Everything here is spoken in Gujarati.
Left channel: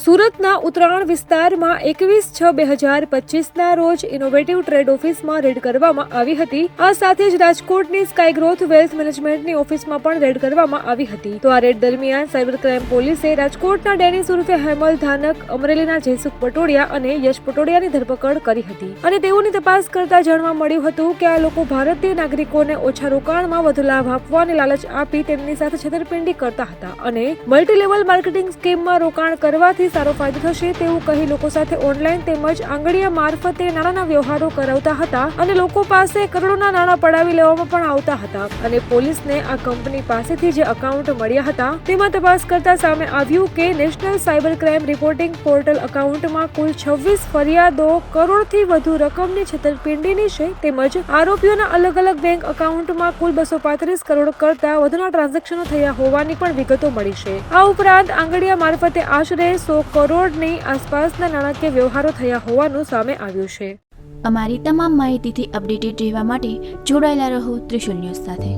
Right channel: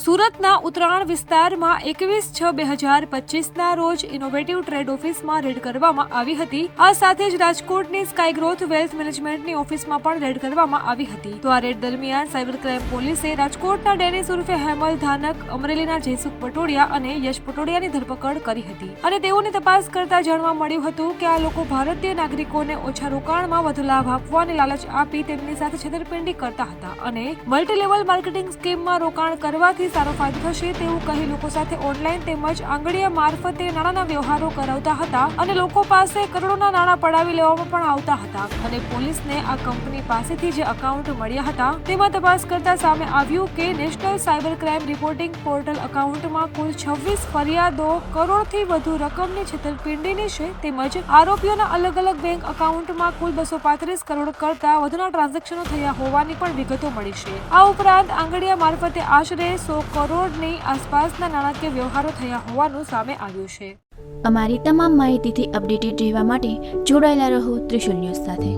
સુરતના ઉત્તરાયણ વિસ્તારમાં 21/6/2025ના રોજ ઇનોવેટિવ ટ્રેડ ઓફિસમાં રેડ કરવામાં આવી હતી। આ સાથે જ રાજકોટની સ્કાય ગ્રોથ વેલ્થ મેનેજમેન્ટની ઓફિસમાં પણ રેડ કરવામાં આવી હતી। તો આ રેડ દરમિયાન સાયબર ક્રાઇમ પોલીસે રાજકોટના ડેનિસ ઉર્ફે હેમલ ધાનક, અમરેલીના જયસુખ પટોડિયા અને યશ પટોડિયાની ધરપકડ કરી હતી અને તેઓની તપાસ કરતા જાણવા મળ્યું હતું કે આ લોકો ભારતીય નાગરિકોને ઓછા રોકાણમાં વધુ લાભ આપવાની લાલચ આપી તેમની સાથે છેતરપિંડી કરતા હતા અને મલ્ટી લેવલ માર્કેટિંગ સ્કીમમાં રોકાણ કરવાથી સારો ફાયદો થશે તેવું કહી લોકો સાથે ઓનલાઈન તેમજ આંગળીયા મારફતે નાણાંના વ્યવહારો કરાવતા હતા અને લોકો પાસે કરોડોના નાણાં પડાવી લેવામાં પણ આવતા હતા અને પોલીસને આ કંપની પાસેથી જે એકાઉન્ટ મળ્યા હતા તેમાં તપાસ કરતા સામે આવ્યું કે national cyber crime reporting portal એકાઉન્ટમાં કુલ 26 ફરિયાદો કરોડથી વધુ રકમની છેતરપિંડીની છે તેમજ આરોપીઓના અલગ અલગ બેંક એકાઉન્ટમાં કુલ 235 કરોડ કરતા વધુના ટ્રાન્ઝેક્શનો થયા હોવાની પણ વિગતો મળી છે। આ ઉપરાંત આંગળીયા મારફતે આશરે 100 કરોડની આસપાસના નાણાકીય વ્યવહારો થયા હોવાનું સામે આવ્યું છે। અમારી તમામ માહિતીથી અપડેટેડ રહેવા માટે જોડાયેલા રહો ત્રિશુલ ન્યૂઝ સાથે।